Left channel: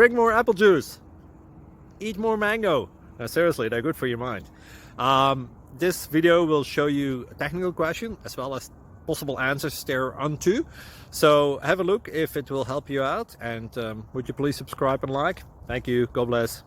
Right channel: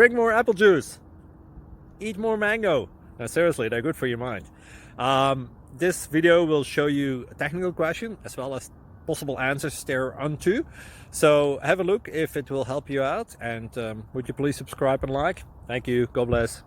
Drink more apple juice. Eat more mango. No, seriously, they're good for your mind. This video will show you a technical question as well as possible answers thereunto. So have a look if it will help you out, and would you please subscribe and like? Thank you. God bless.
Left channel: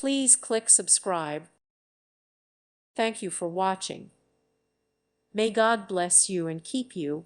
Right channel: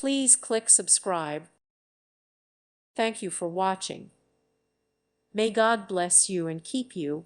Please click subscribe. Thank you for watching. May God bless you and keep you.